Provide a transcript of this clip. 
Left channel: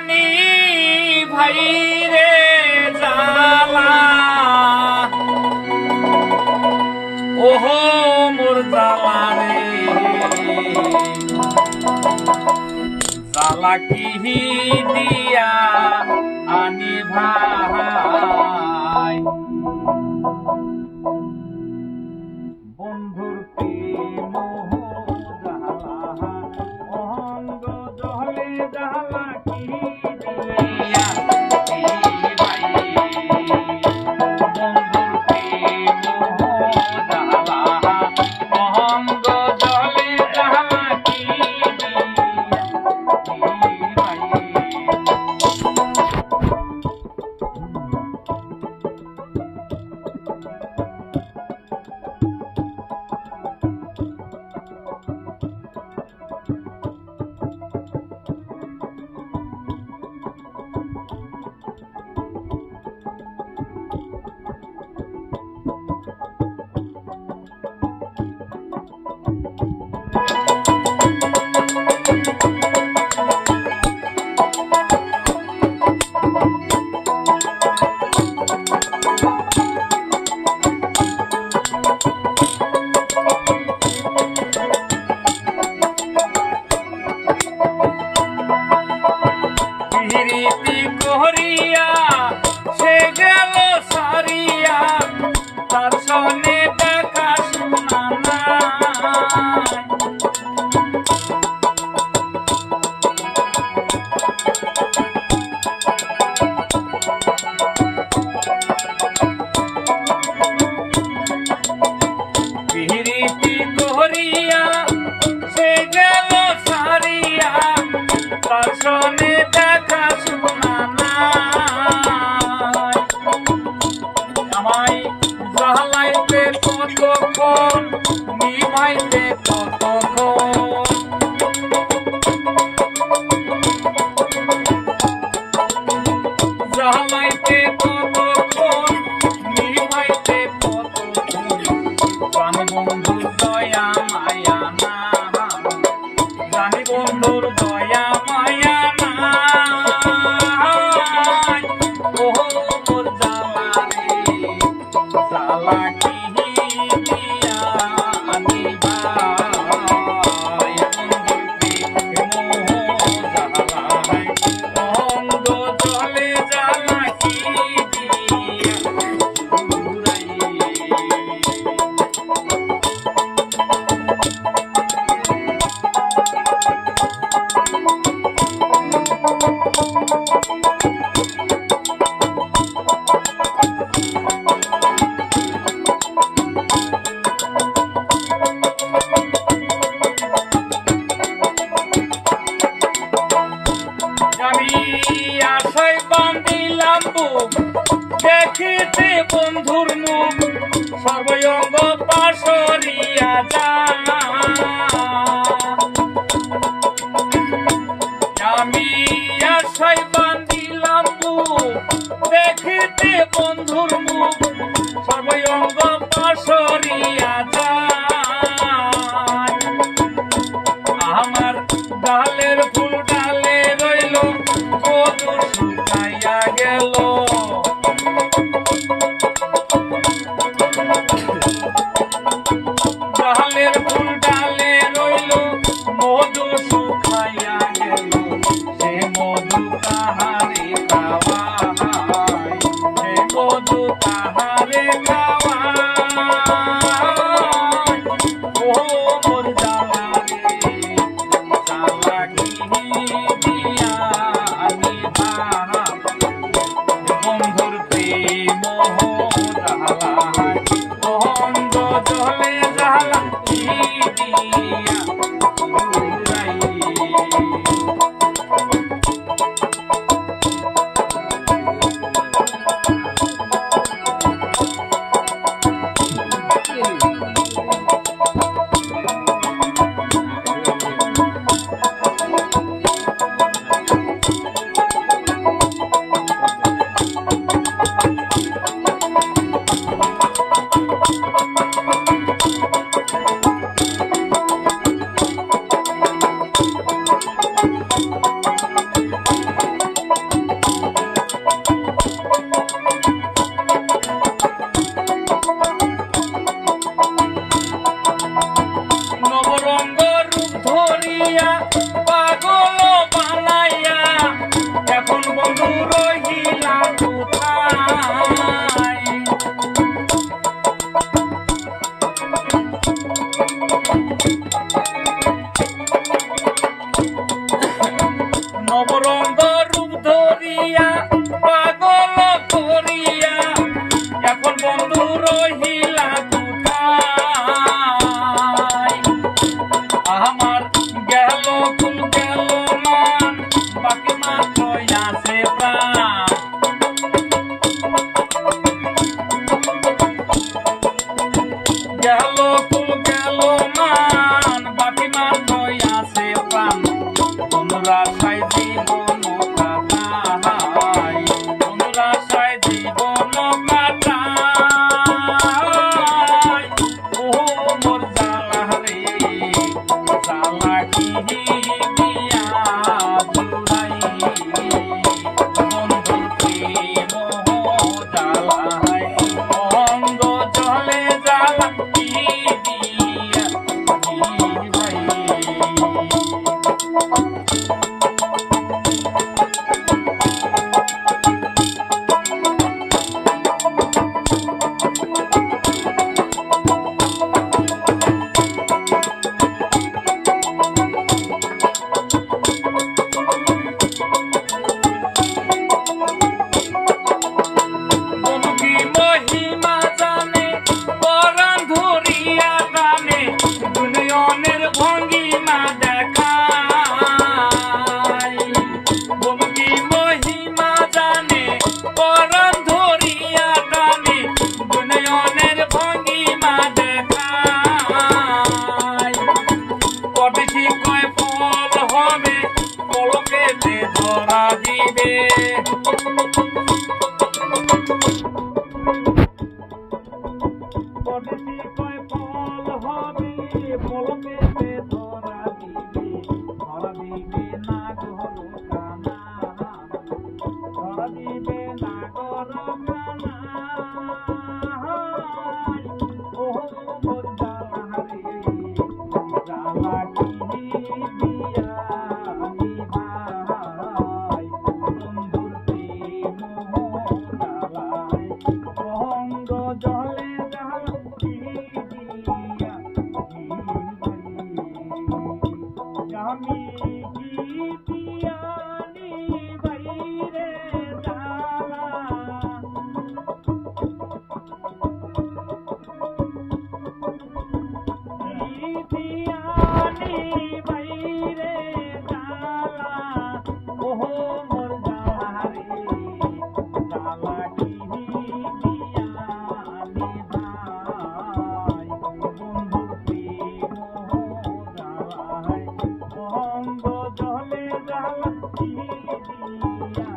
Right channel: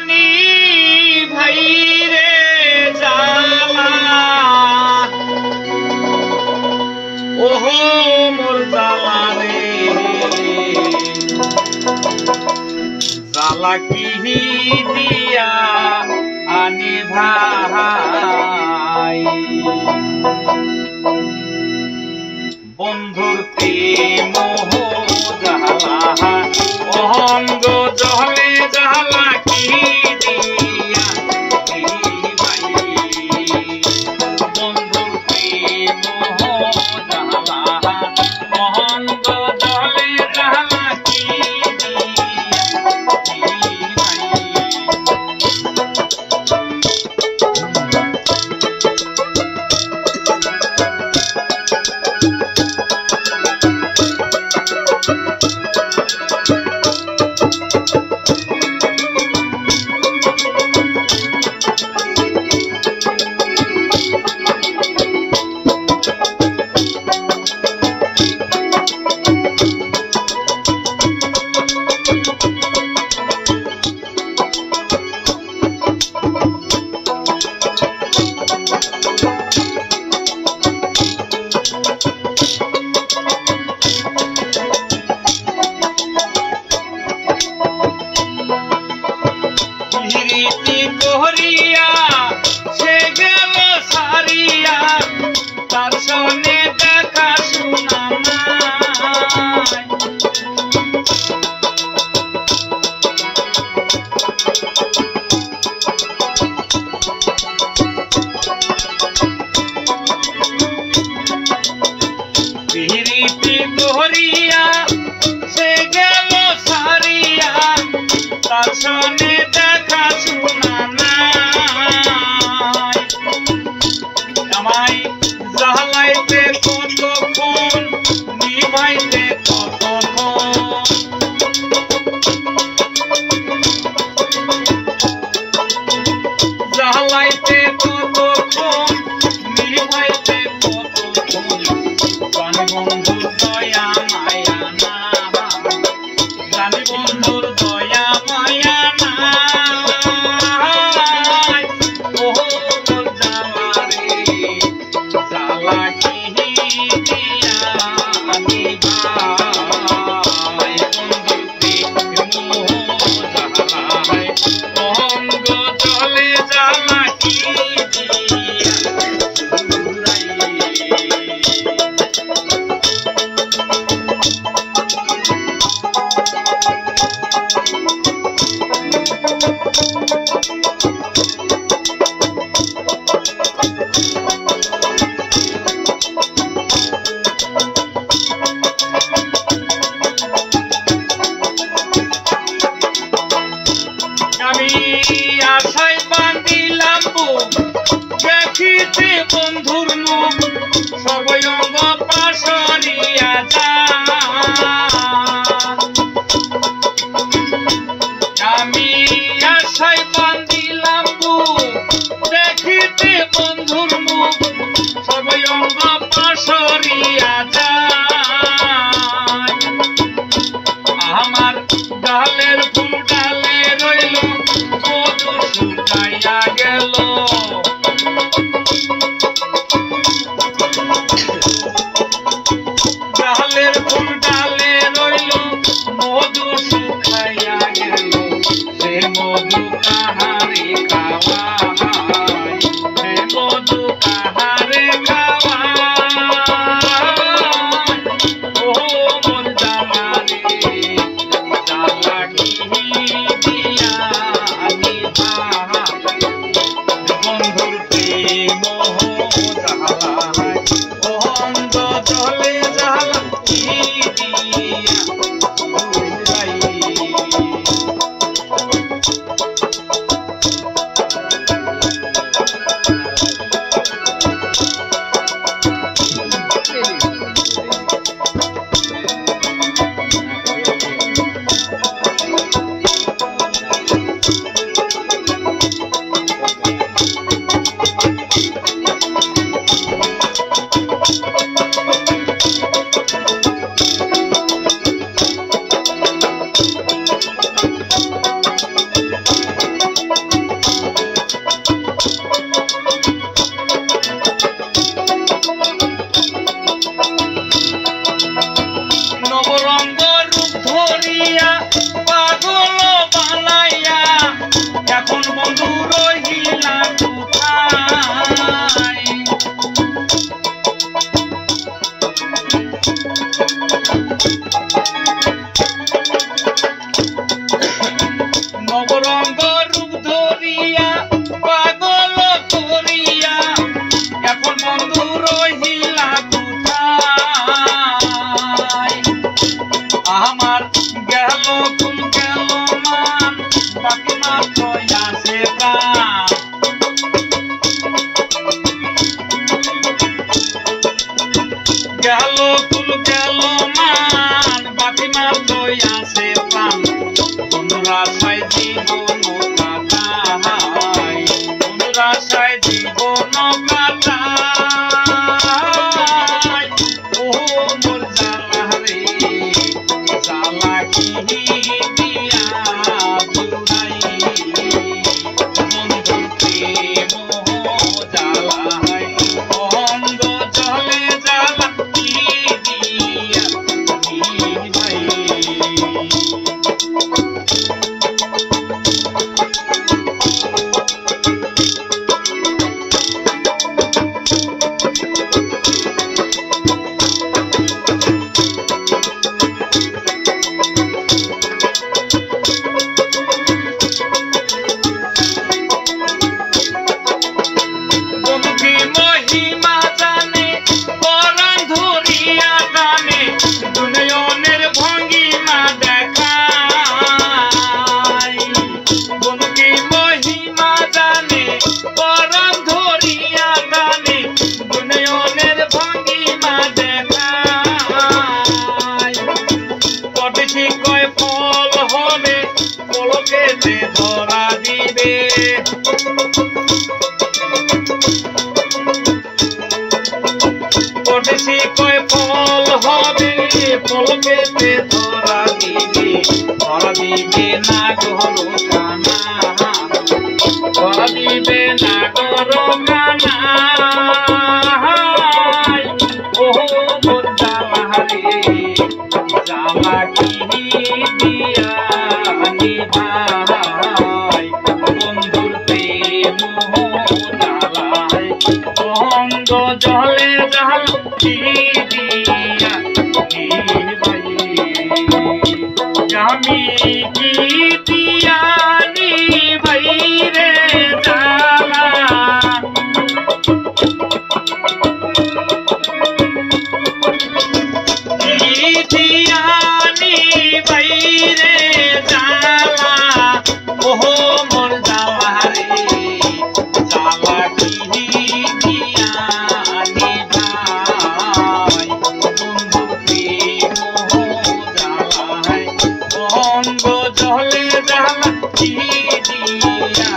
জানি ভাই রে জালা ওহো মোর জালা রে জালা কি দিয়া আনি ভাই বন্ধুর প্রেম জালা অঙ্গ জলে জালা কি দিয়া ভাই বন্ধুর প্রেম জালা অঙ্গ জলে জালা কি সনে দেখা শোনা নাই আমায় জালাইতে কতক্ষণ নিভাইতে কতক্ষণ জালাইতে কতক্ষণ নিভাইতে কতক্ষণ প্রাণ বন্ধুর দয়া মায়া না জানি বন্ধুর দয়া মায়া দেখিতে বন্ধুর মুখ সর্বঙ্গ পাশরিয়া যা আমি আশায় বান্ধিলাম বুক দেখিতে বন্ধুর মুখ সর্বঙ্গ পাশরিয়া যা আমার ডালের ফুল ডালে রইল মধু শুকাইয়া গেল ডালের ফুল ডালে রইল মধু শুকাইয়া গেল সে মধু কাহারে খাওয়ায় সে মধু কাহারে খাওয়ায় ও মোর জালা রে জালা কি দিয়া আমি বন্ধুর প্রেম জালা অঙ্গ জলে জালা কি দিয়া বাকি মাত্র আছে প্রাণ গেল ফুল গেল মান বাকি মাত্র আছে প্রাণ তোমরা সাই জীবন কাটাই তোমরা সাই জীবন কাটাই ও মোর জ্বালা রে জ্বালা কি দিয়া জুড়াই বন্ধু প্রেম জ্বালাই অঙ্গ জলে জ্বালা কি দিয়া বন্ধু মহিমা জানে পরাণ ধরিয়া গানে দুনিয়নের ভঙ্গিমা দেখায় বন্ধু মহিমা জানে পরাণ ধরিয়া গানে দুনিয়নের ভঙ্গিমা দেখায় পটছি কয় ফল হবে পলকেতে ধরা দিবে পটছি কয় ফল হবে পলকেতে ধরা দিবে না গরু কানা ধরা দিবে না গরু কানা ও মোর জ্বালা রে জ্বালা কি দিয়া নিভাই বন্ধুর প্রেম জ্বালাই অঙ্গ জলে জ্বালা কি দিয়া নিভাই আমি কি দিয়া নিভাই রে জ্বালা দিয়ানি বাইরে জ্বালা ওহো মোর জ্বালা রে জ্বালা কি দিয়ানি ভাই বন্ধু প্রেম জ্বালাই অঙ্গ জলে জ্বালা কি দিয়া